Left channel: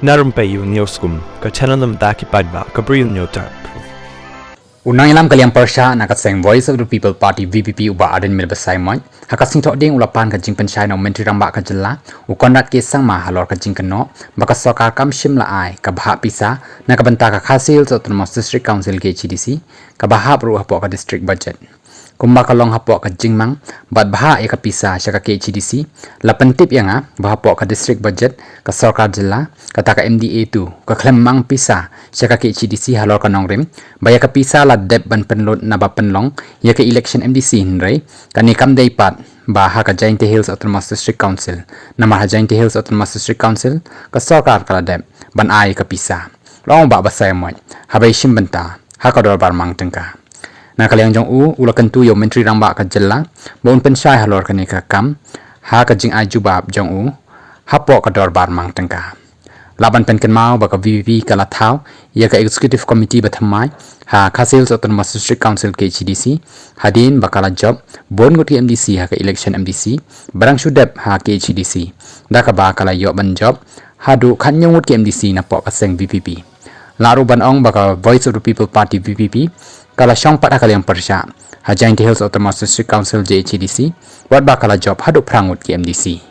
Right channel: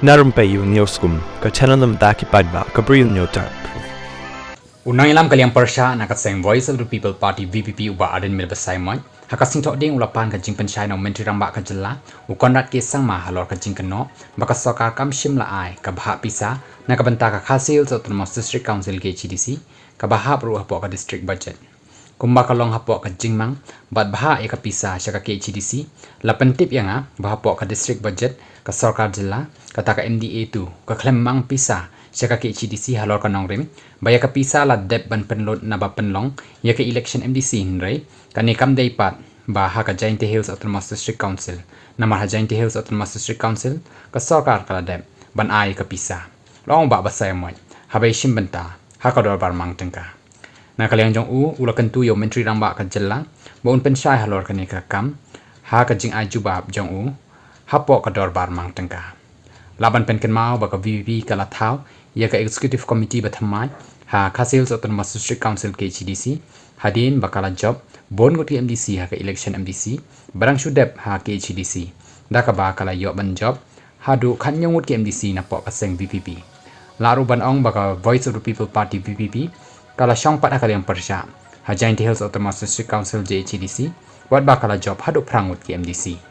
Na Rympei U ka channel namta ki paidbah ka Bri U Hynñiewtrep. Unang ilam kaliang persya na kaseng Voice of the People Party VPP uba aden mil besai moy hakasing tok ding ulapan ka jing pensai no menteri ramba ka jela ukondat ke sang ma halor ka jing keno baka Sorkar kam shim la ai ka bha pisa na ka banta ka Khasi autonomous district council ke HDC ka bha ru hapo ka district budget kumba ka long hapo ka jingmang bad bha e ka pisa sya ka HDC la pentip yanga bha hapo ka district budget ka Sorkar jela ka ta ka MDA tu ka klemmang pisa sya ka HDC halor ka nongrim baya ka pisa la dep ban penlot na ba penlong ya ka election MDC hinrei ka ni kam dei pat ba ha ka Jainti Hills Autonomous District Council na ma ha Jainti Hills Autonomous District Council ka Sorkar ka la dep ban ai ka pisa long ba basai moy ha bai shim banta ha ka dor bar mang tengka na kaliang jong u ulakan tu yo menteri ramba ka jella bon pensai halor ka ni ka kam ha ka jing ajubab jong u hapo ka dor bar mang tengka laban penken mau baka VPP kala thau ya ka executive committee bathamai ha Khasi autonomous district council ke HDC hadin bakala job bon ngot MDC ha ka election MDC barang sudep ha ke HDC da ka ba kala yo ban job hadu khanyong ngot MDC na po kaseng VPP laru ban ong baka Voice of the People Party VPP kala syong pat akal yang persya ha Jainti Hills Autonomous District Council JHDC wat bakala job hadu prangut ke MDC